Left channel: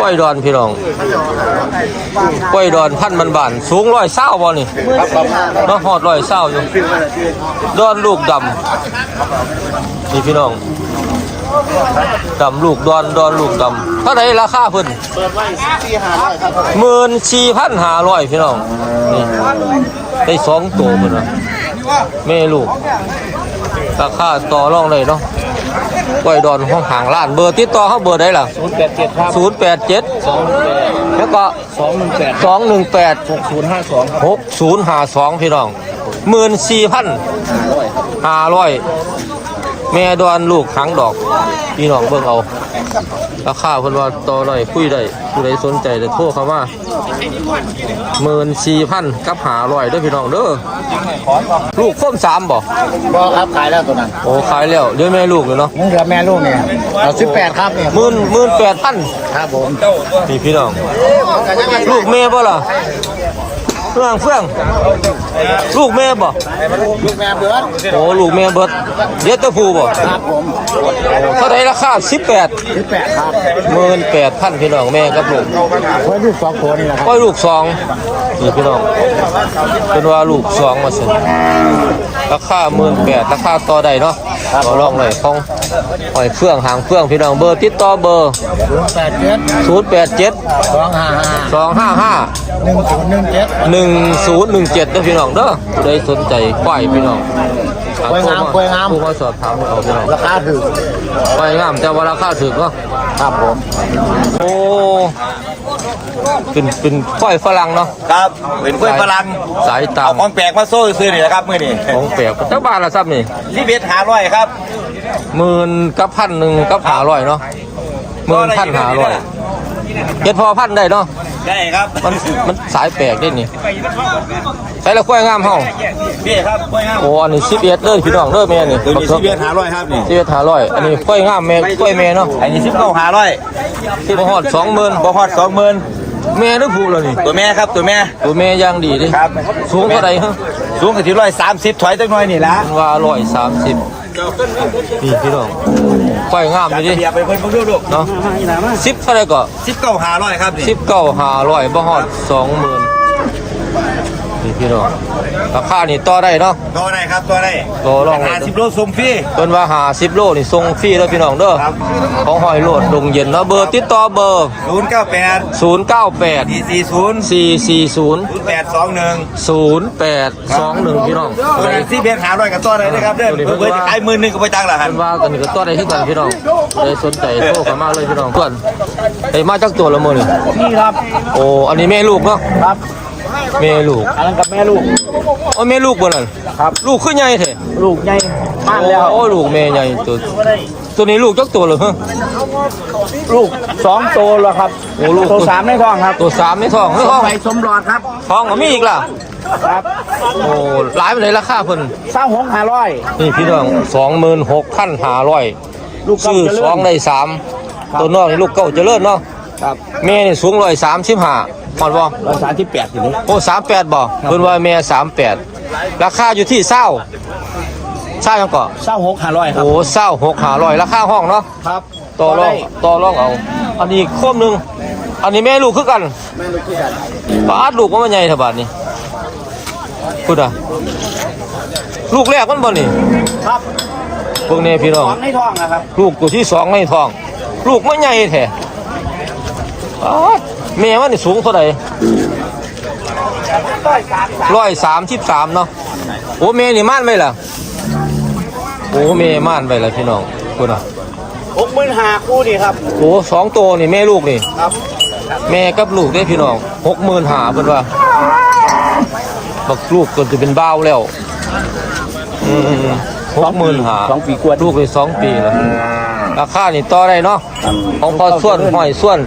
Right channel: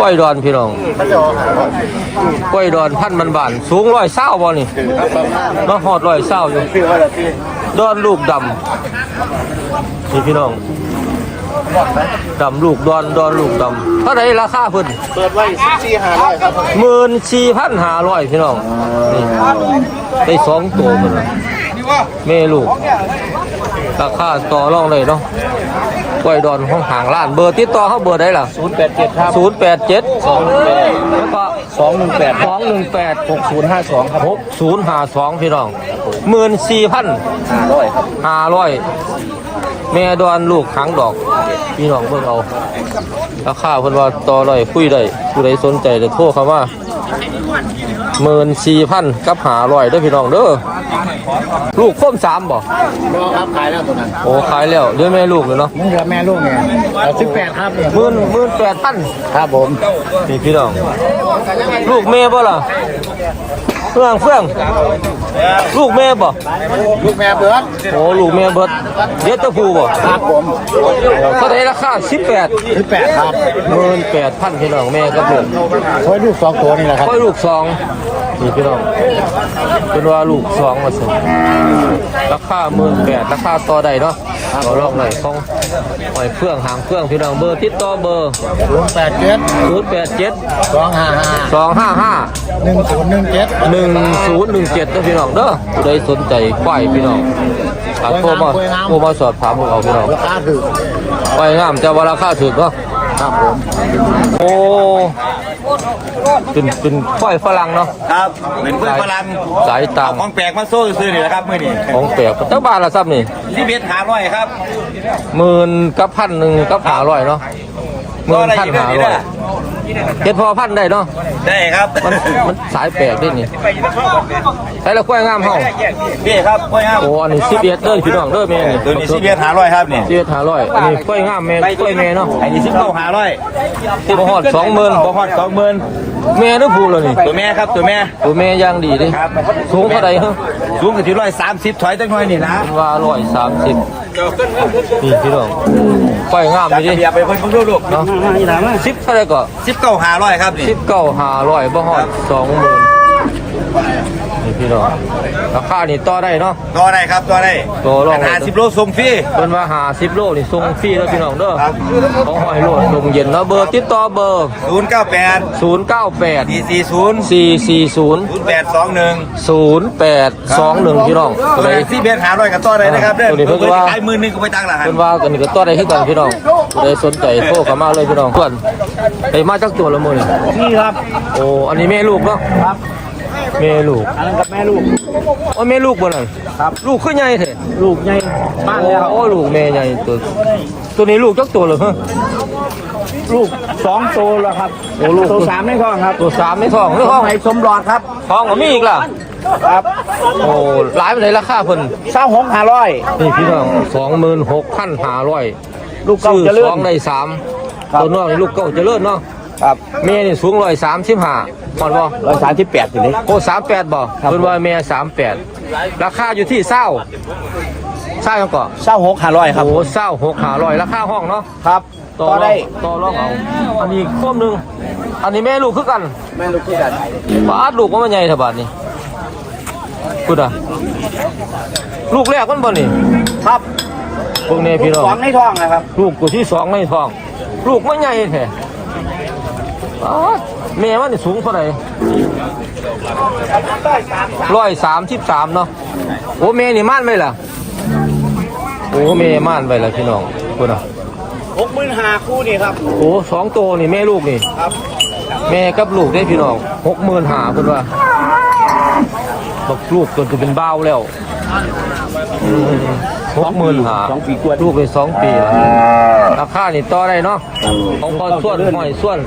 กล้วยดอนพี่น้องกล้วยดอนพันมันบานสูงร้อยเศร้าบ่นี่ครับประมาณเนาะหอดร้อยเศร้าอยู่ดอนลูกดำนี่พี่น้องดำลูกดอนดอนลูกดำเท่าไหรราคาเพิ่นหาร้อยครับหมื่นสี่พันห้าร้อยพี่น้องนี่ได้สองตัวเพิ่นนะแม่ลูกราคาต่อรองเลยเนาะ กล้วยดอนห้องห่างล้านเบอร์ติดต่อเขาเบอร์ได้ล่ะศูนย์แปดเจ็ดครับศูนย์แปดเจ็ดสองหนึ่งแปดแล้วก็สองหนึ่งแปดสองหนึ่งแปดหกศูนย์ห้าสองครับหกศูนย์ห้าสองพี่น้องหมื่นสี่พันร้อยครับห้าร้อยแม่ดอนลูกหางดอก พี่น้องเบิ่งเอาราคาเพิ่นว่าต่อได้คุยได้ผู้ใดสนใจเดี๋ยวโทรเข้ามาหมื่นสี่พันกับหาร้อยเด้อพี่น้องเด้อ ลูกโค้มสามบ่รอครับขายแล้วตัวนั้นโอ้ขายแล้วเดี๋ยวแม่ลูกเลยเนาะมึงเหลือแม่ลูกไงเอาสิบแปดครับเนี่ยหมื่นหมื่นแปดพันครับผมนี่พี่น้อง ลูกแม่บ่ล่ะ เฟื่องเฟื่องลูกแม่บ่ลูกแม่เบิร์ดโอ้ลูกแม่เบิดเดี๋ยวตะผูบ่โอ้เท่าไรราคาสิบแปดหมื่นแปดพันพี่น้องแม่กับลูกก้อยลูกสองนี่พี่น้องเป็นว่าลูกสองมาสิราคาหมื่นแปดราคาต่อได้เนาะต่อรองเลยของ หอยเฟื่องหางเฟื่องพี่น้องเบอร์ติดต่อเบอร์ศูนย์แปดเจ็ดศูนย์แปดเจ็ดสองห้าห้าสองห้าห้าหนึ่งศูนย์หนึ่งเจ็ดหนึ่งศูนย์หนึ่งเจ็ดเด้อพี่น้องเด้อผู้ใดสนใจควายพี่น้องอาโทรมาโทรมาสอบถามมึงเอาพี่น้องราคาถือควายงามจะว่าราคาถูกเนาะครับผมโอ้ เป็นเป็นควายฝรั่งเนาะ ครับเป็นเพื่อนพลังสายตัง ของแปลกมาโซ่ซื้อนี่แหละครับมื่อนี้ของแปลกเจ้าบ้านละซับนี่ที่เบ็ดหาร้อยครับหมื่นกับพันหนึ่งกับหาร้อยเนาะหมื่นพันหาร้อย เก็ดพอพันได้เนาะได้ครับมันมันสายแปลกด้วยนี่ใส่ละควายงามเฮาพี่ครับพ่อยงามโอ้อันนี้สิบเอ็ดเด้อพี่น้องเด้อแม่นี่ตัวนี้ที่เบ็ดหาร้อยครับนี่สิบเอ็ดหาร้อยอันนี้ควายงามแม่ควายแม่เนาะอันนี้สิบเก้าหาร้อยบ่ฮอดสองหมื่นบ่พอดสองหมื่นแม่หรือผู้ล่ะนี่ตัวแม่ครับตัวแม่ตัวแม่ย่างดีดิครับสูงเท่าใดฮะสูงถึงร้อยสามสิบถอยจังหน่อยนี่ละมันว่าร้อยสามสิบ นี่พี่น้องควายงามจัดดีระดิเบียบไปเพิ่นเพิ่งดูลูกเนาะสิบเท่าไหรก็สิบเก้าหาร้อยครับนี่สิบเก้าหาร้อยบ่ฮอดสองหมื่น นี่พี่น้องราคานี่ต่อได้เนาะ ตัวได้ครับตัวได้ต่อรองเลยหาสิบโลส่งฟรี เพิ่นว่าหาสิบโลนี่ส่งฟรีแล้วพี่น้องเด้อครับ ของหอยโลดลงเย็นเนาะเบอร์ติดต่อเบอร์ ศูนย์เก้าแปดศูนย์เก้าแปดสี่สี่ศูนย์สี่สี่ศูนย์ศูนย์แปดสองหนึ่งศูนย์แปดสองหนึ่งพี่น้องตัวนั้นที่เบ็ดหาร้อยกับตัวได้นะครับเด้อตัวนี้เพิ่เพิ่นนว่าขายหมื่นหนึ่งก็ไปจังละครับเพิ่นว่ากันนี่ก็ต่อได้ที่กันพี่น้องผู้ใดสนใจโทรเข้ามาเลยพี่น้องส่วนไอ้มาจากตัวละมื้อนี่นี่ครับ โอ้อันนี้แม่ลูกเนาะครับ แม่ลูกอันนั้นกับแม่ลูก โอ้แม่ลูกบ่นั่นครับ ลูกคือใหญ่แท้ลูกใหญ่บ้านแล้วโอ้ลูกแม่ใหญ่ตัวตัวนี้ลูกจักตัวเหรอฮะลูกสองโตแล้วครับโอ้ลูกโตสามไม่ท้องครับตัวสามในท้องในท้องไปสมรอดครับท้องก็มีอีกล่ะครับโอ้หลายไปเลยราคาเพิ่นเศร้าหกห้าร้อยนี่พี่น้องสองหมื่นหกพันห้าร้อยลูกเก่าซื้อเจริญสองได้สามตัวน้องนี่ลูกเก่าเจริญเนาะครับแม่นี่สูงร้อยสามสิบห้า หมดบ่ร้อยสามที่แปดอยู่นี่โอ้สามแปดบ่ครับ เพิ่นว่าแม่สามแปดราคาอยู่ที่เศร้าเศร้ายังก่อเศร้าหกห้าร้อยครับ โอ้เศร้าหกห้าร้อยราคาห้องเนาะครับต่อรองต่อรองเอา อันนี้โคมหนึ่งอันนี้แม่ลูกคือกันแม่ลูกที่กันปาดลูกว่ามันใหญ่เถอะบาดนี้พูดอะลูกแรกมันบ่นี่ครับพวกนี้พี่น้องสองในท้องนะครับ ลูกตัวที่สองในท้อง ลูกมันใหญ่แท้ปาด แม่มันนี่สูงเท่าไหร่ร้อยสามสามร้อยสามสิบสามเนาะโอ้แม่นี่ม่านไว้ล่ะโอ้แม่ม่านไว้ล่ะพี่น้องพูดอะหกหมื่นห้าคู่นี่ครับโอ้สองตัวนี่แม่ลูกนี่ครับ แม่กับลูกได้พี่น้องหกหมื่นหาเพิ่นว่าบักลูกก็จะเป็นบ้าวแล้ว อืม หกหมื่นหาสองปีกว่าลูกเลยสองปีละราคานี่ต่อได้เนาะของพอส่วนหอยส่วน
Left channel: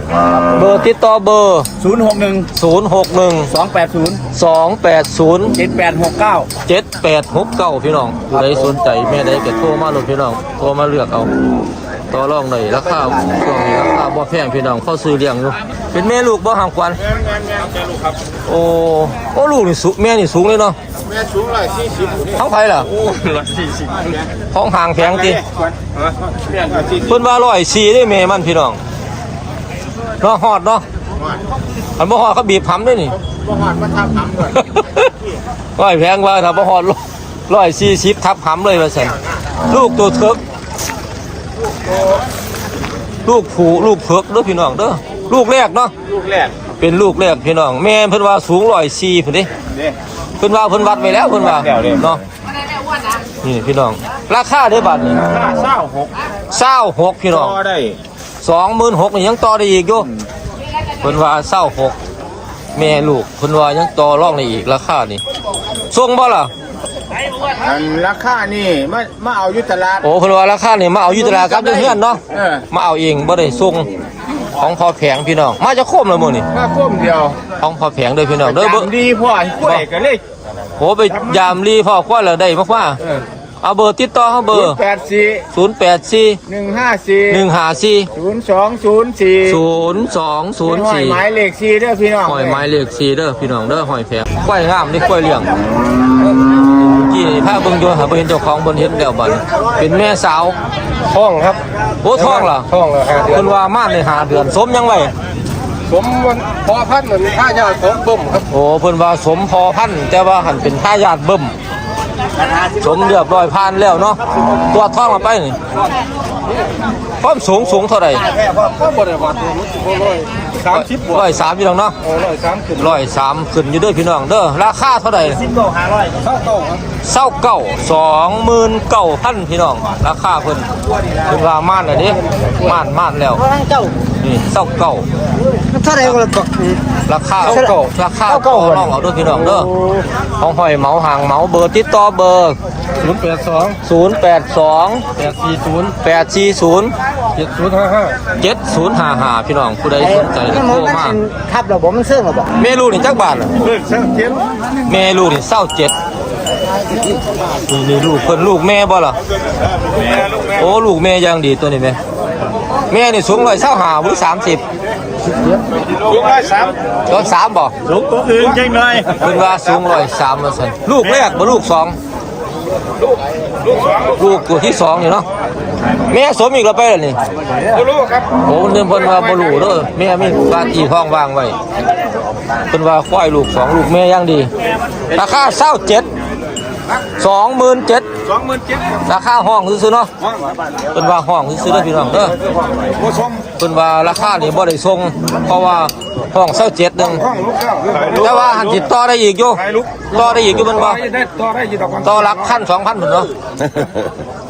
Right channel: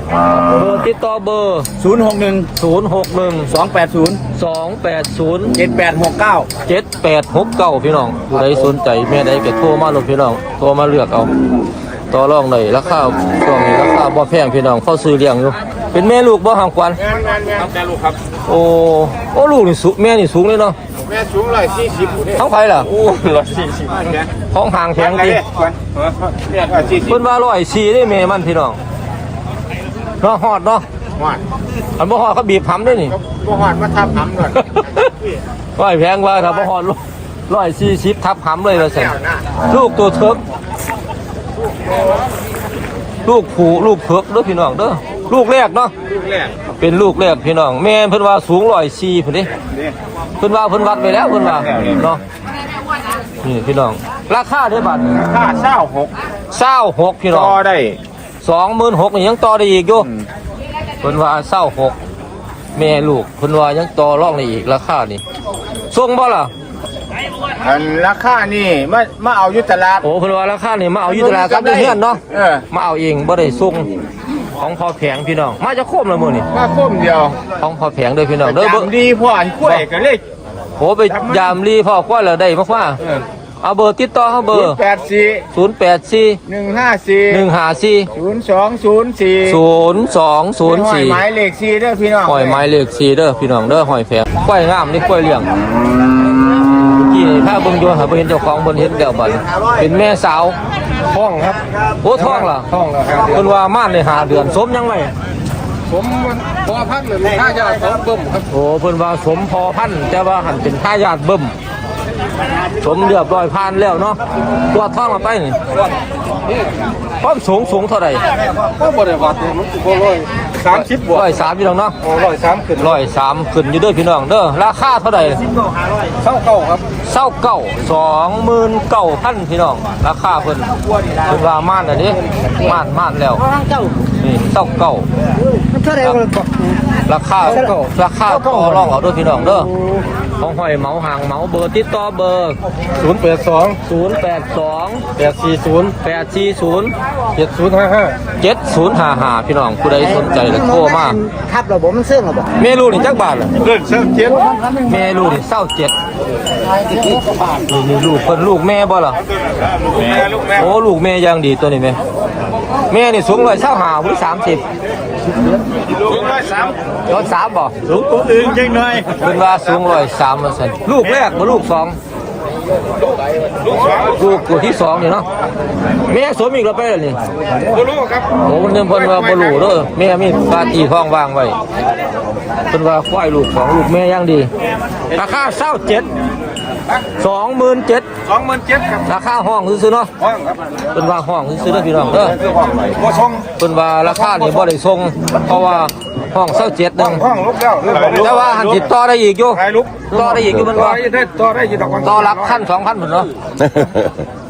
เบอร์ติดต่อเบอร์ศูนย์หกหนึ่งศูนย์หกหนึ่งสองแปดศูนย์สองแปดศูนย์เจ็ดแปดหกเก้าเจ็ดแปดหกเก้าพี่น้องผู้ใดสนใจแม่ใดก็โทรมาลงพี่น้องโทรมาเลือกเอาต่อรองหน่อยราคาช่วงนี้ราคาบ่แพงพี่น้องเข้าซื้อเลี้ยงอยู่เป็นแม่ลูกบ่ห่างควันงานงานงานแม่ลูกครับโอ้โอ้ลูกนี่สูงแม่นี่สูงเลยเนาะแม่สูงเลยสี่สิบท้องไผล่ะโอ้ร้อยสี่สิบท้องห่างแข็งติเรื่องกันสี่สิบเพิ่นว่าร้อยสี่ได้แม่มันพี่น้องเนาะฮอดเนาะหอดอันบ่ฮอดเขาบีบหำด้วยนี่บ่หอดมาทับหำก่อนร้อยแพงว่าถ้าบ่ฮอดร้อยสี่สิบทับหำเลยว่าซั่นแก้วหน้าลูกตัวเถิกลูกโตลูกผูลูกเถิกเด้อพี่น้องเด้อลูกแรกเนาะลูกแรกเป็นลูกแรกพี่น้องแม่เพิ่นว่าสูงร้อยสี่พุ่นดินี่ เพิ่นว่าเพิ่นวัดไว้แล้วเพิ่นว่าเนาะนี่พี่น้อง ราคาเด้อบาทนี่ค่าเช่าหกเศร้าหกพี่น้องต่อได้สองหมื่นหกนี่ยังต่อได้อีกอยู่เพิ่นว่าเศร้าหกแม่ลูกเพิ่นว่ายังต่อรองได้อีกราคานี่ส่งบ่ล่ะอันราคานี่มามาเอาอยุตลาดโอ้เพิ่นว่าราคานี่มาเอาอยู่ตลาดกับอยู่เฮือนเนาะเออมาเอาเองบ่ได้ส่ง ของพอแผงพี่น้อง มาจะโคมแล้วมื้อนี่มาโค้มเดียวของพอแผงเด้อพี่น้องเด้อเบิ่งจำดีพ่อให้กล้วยก็เลยโอ้ไปยามรีพ่อคว้าแล้วได้มาคว้าเออเอาเบอร์ติดต่อเฮาเบอร์แปดสี่084 หนึ่งห้าสี่154 ศูนย์สองศูนย์สี่0204หมายเลขสี่เด้อพี่น้องหอยไม้เลขสีเด้อพี่น้องเด้อหอยแผงกล้วยงามนี่กล้วยเลี้ยงเมื่อกี้ถ้าเบิ่งอยู่หาบ่เห็นเจ้าของเบิ่นเห็นแล้วบัดนี้เป็นแม่สาวท้องครับ โอ้ท้องล่ะท้องแล้วห้าเดือนเพิ่นว่าม่านได้5เดือนสมยังไว้ผมมันพอพันเหมือนผ้ายาวสองบึ้มครับโอ้เพิ่นว่าสมพอพันธุ์แต่ว่าหันเป็นทายาทเบิ่มสมเรียบร้อยผ่านแล้วเนาะตัวจท้องมาไปนี่ความสูงสูงเท่าไหร่ก็บริวัติมันสิบร้อย สามสิบร้อยสามพี่น้องเนาะโอ้ร้อยสามขึ้นร้อยสามขึ้นอยู่ด้วยพี่น้องเด้อราคาเท่าไหร่เศร้าเก่าครับเศร้าเก่าสองหมื่นเก่าพันพี่น้องราคาเพิ่นเพิ่นว่าม่านเลยดิม่านม่านแล้วนี่เศร้าเก่าราคาราคาต่อรองเอาด้วยพี่น้องเด้อของหอยเหมาหางเหมาเบอร์ติดต่อเบอร์ 0 8 2 0 8 2 8 4 0 8 4 0 เจ็ดศูนย์ห้าห้าเจ็ดศูนย์ห้าห้าพี่น้องผู้ใดสนใจแล้วโทรมาทับระบบมันเสื่อมหรอบอกเมลูนี่จักบาทล่ะเลือกเส้นเจ็ดเมลูนี่เศร้าเจ็ดนี่นี่ลูกเพิ่นลูกแม่บ่ล่ะลูกแม่ลูกแม่โอ้ลูกแม่ยังดีตัวนี้แม่แม่นี่สูงร้อยเศร้าหาวุ้ยสามสิบลูกได้สามร้อยสามบ่ลูกตื่นจริงเลยเป็นว่าสูงร้อยสามมาสันลูกแรกบ่ลูกสอง ลูกลูกสองลูกตัวที่สองนี่เนาะแม่สมอีกแล้วไปแล้วนี่บ่รู้ครับโอ้มันเดิมเพิ่นว่าบ่รู้เด้อแม่มีฟาตีท้องว่างไว้เพิ่นว่าควายลูกสองลูกแม่ยังดี ราคาเศร้าเจ็ดสองหมื่นเจ็ดสองหมื่นเจ็ดครับราคาห้องซื้อๆเนาะห้องครับเพิ่นว่าห้องซื้อๆเด้อพี่น้องเด้อบ่ส่งเพิ่นว่าราคานี่บ่ได้ส่งเพราะว่า ห้องเศร้าเจ็ดหนึ่งห้องลูกแล้วแต่ว่าหันติดต่อได้อีกอยู่ไปลูกต่อได้อีกอยู่มันต่บ่อได้ต่อได้อยู่ดอกวันต่อหลักพันสองพันพุ่นเนาะ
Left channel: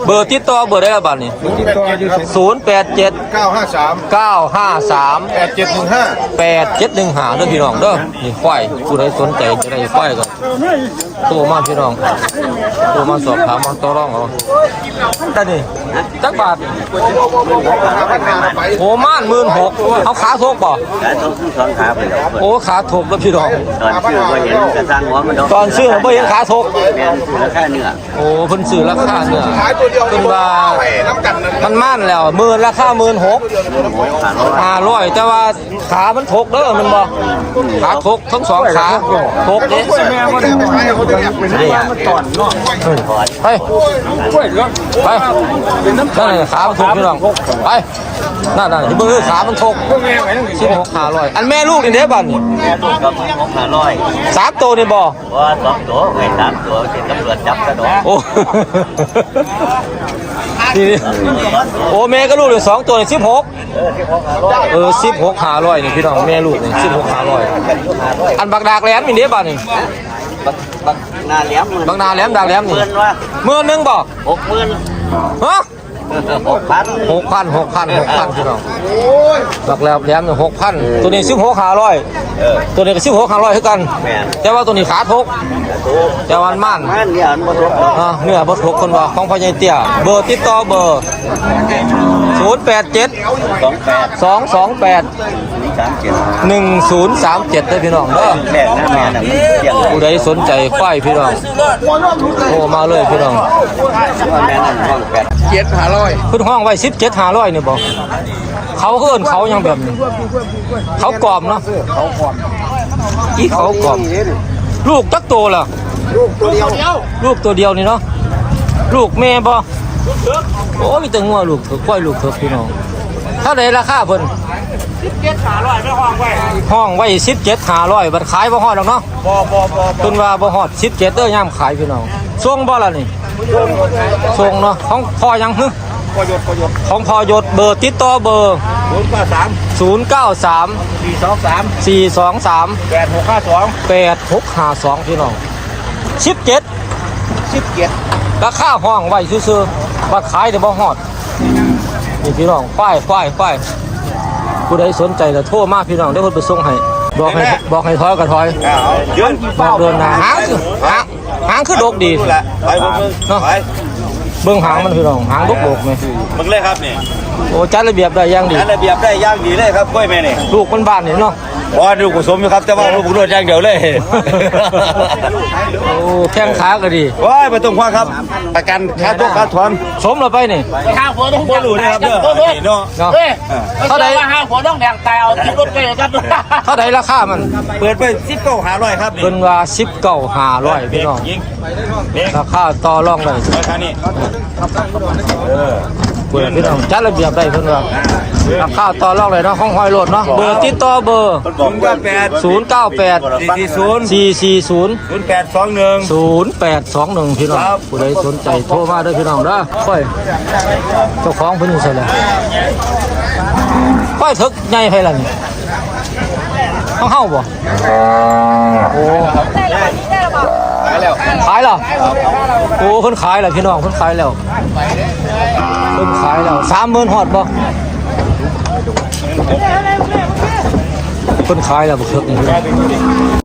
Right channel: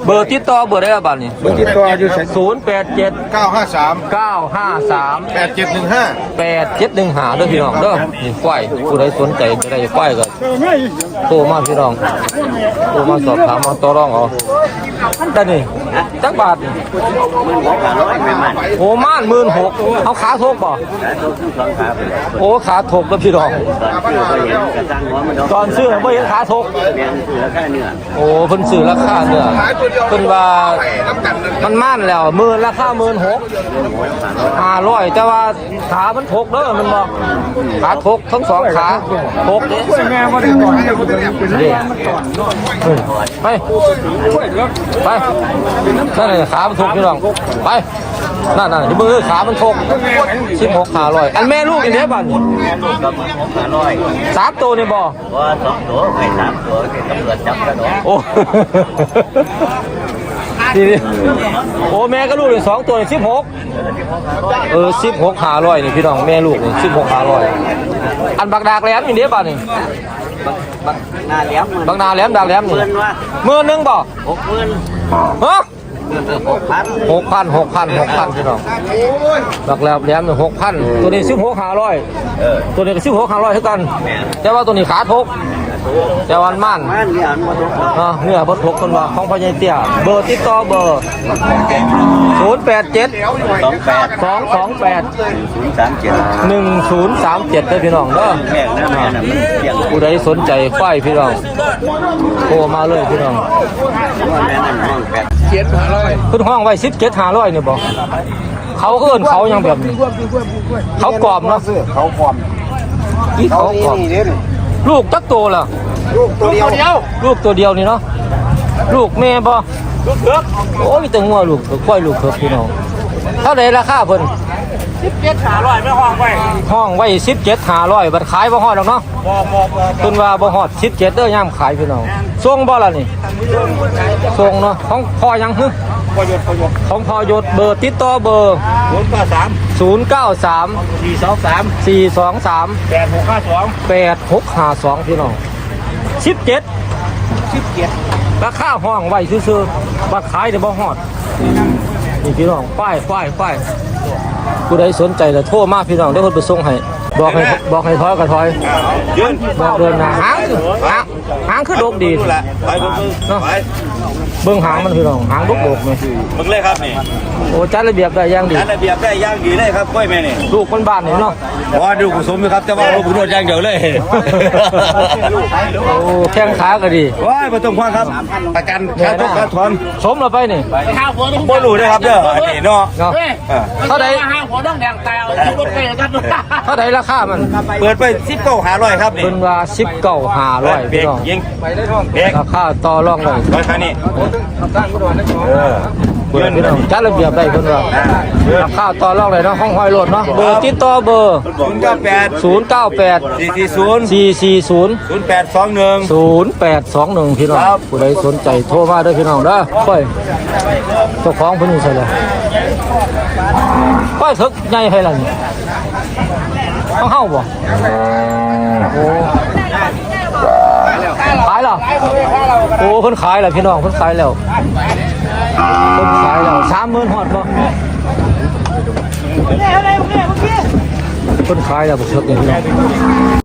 เบอร์ติดต่อเบอร์ได้ละบาทนี่ติดต่ออยู่ศูนย์แปดเจ็ดเก้าห้าสามเก้าห้าสามแปดเจ็ดหนึ่งห้าแปดเจ็ดหนึ่งหาเด้อพี่น้องเด้อนี่ควายผู้ใดสนใจจะได้ควายก็โทรมาพี่น้องโทรมาสอบถามมาต่อรองเอาได้นี่ จักบาทนี่โอ้ม่านหมื่นหกเอาขาทกบ่โอ้ขาทกแล้วพี่น้อง ตอนซื้อบ่เห็นขาทกโอ้เพิ่นซื้อราคาเนื้อเพิ่นว่ามันม่านแล้วหมื่นราคาหมื่นหกห้าร้อยแต่ว่าขามันทกเด้อมันบอกขาทกทั้งสองขาทกเด้แม่บ่ได้ต่อยเด้เฮ้ยไปไปนั่นน่ะขามันทกพี่น้องไปนั่นน่ะที่เบิ่งคือขามันทกสิบหกห้าร้อยอันแม่ลูกอีกเด้บันสามตัวนี่บ่โอ้นี่นี่โอ้แม่ก็ลูกเลยสองตัวสิบหกเออสิบหกหาร้อยนี่พี่น้องแม่ลูกนี่สิบหกหาร้อยอันบักดากแหลมนี่เด้บ้านนี่บักนาแหลมดากแหลมนี่หมื่นหนึ่งบ่ ฮะหกพันหกพันหกพันพี่น้องบักแหลมแหลมนี่หกพันตัวนี้สิบหกหาร้อยตัวนี้ก็สิบหกหาร้อยเท่ากัน แต่ว่าตัวนี้ขาทกแต่วันมั่นอ่าเนื้อบดหกคนว่าของพ่อใหญ่เตี้ยเบอร์ติดต่อเบอร์ ศูนย์แปดเจ็ดสองแปดสองสองแปดศูนย์สามเจ็ดหนึ่งศูนย์สามเจ็ดเด้อพี่น้องเด้อแรกนะแม่อ่าน่ะเที่ยงผู้ใดสนใจควายพี่น้องโทรมาเลยพี่น้องวันนั้นนั่นห้องแปดเจ็ดห้าร้อยเพิ่นห้องไว้สิบเจ็ดห้าร้อยนี่บ่เขาก็เอิ้นเขายังแบบนี้ เขากรอบเนาะอีเขากรอบลูกจักโตล่ะตัวเดียวเดียว ลูกตัวเดียวนี่เนาะลูกแม่บ่ โอ้ยมีแต่งัวลูกเถอะกล้วยลูกเถอะพี่น้องเท่าไหร่ราคาเพิ่นสิบเจ็ดหาร้อยไม่ห้องไว้ห้องไว้สิบเจ็ดหาร้อยบัดขายบ่ฮอดหรอกเนาะบอบอบอเพิ่นว่าบ่ฮอดสิบเจ็ดเด้อย่ามขายพี่น้องส่งบ่ล่ะนี่ส่งเนาะของพ่อยังฮึประโยชน์ประโยชน์ของพ่อยศเบอร์ติดต่อเบอร์ศูนย์เก้าสามศูนย์เก้าสามสี่สองสามสี่สองสามแปดหกห้าสองแปดหกห้าสองพี่น้องสิบเจ็ดสิบเจ็ดราคาห้องไว้ซื่อๆ ว่าขายแต่บ่ฮอดนี่พี่น้องป้ายป้ายป้ายผู้ใดสนใจจะโทรมาพี่น้องเดี๋ยวเพิ่นไปส่งให้บอกให้บอกให้ถอยก็ถอยยืนบอกเดินหน้าหางคือหางหางคือดกดีดูละไปเบิ่งเบิ่งเนาะไปเบิ่งหางมันพี่น้องหางดกดกๆเลยเบิ่งเลยครับนี่ โอ้จัดระเบียบได้อย่างดีอันระเบียบได้ย่างดีเลยครับกล้วยแม่นี่ลูกมันบ้านนี่เนาะว่าดูผสมอยู่ครับแต่ว่าเราบุกรวดอย่างเดียวเลยโอ้แข้งขาก็ดีว้ายมาตรงควางครับอาการขาดตกขาดถอนสมเราไปนี่บ่รู้นะครับเด้ออันนี้เนาะเนาะอ่าเท่าใดห้าหัวต้องแดงแตวรถไปครับเท่าใดราคามัน เปิดไปสิบเก้าหาร้อยครับนี่เพิ่นว่า19 500พี่น้องยิงเด็กราคาต่อรองได้ราคานี้เออ เปิดพี่น้องจัดระเบียบได้เพิ่นว่าราคาต่อรองได้เนาะของหอยโหลดเนาะเบอร์ติดต่อเบอร์ ศูนย์เก้าแปด098 สี่สี่ศูนย์440 ศูนย์แปดสองหนึ่ง 0821 พี่น้องครับ ผู้ใดสนใจโทรมาเด้พี่น้องเด้อค่อยเจ้าของเพิ่นนี่ใช่แล้วป้ายถึกใหญ่ไผล่ะนี่เฮาเฮาบ่โอ้ขายแล้ว โอ้เพิ่นขายแล้วพี่น้องเพิ่นขายแล้ว เพิ่นขายแล้วสามมื่นหอดบ่เพิ่นขายแล้วบุกเถิกนี่พี่น้อง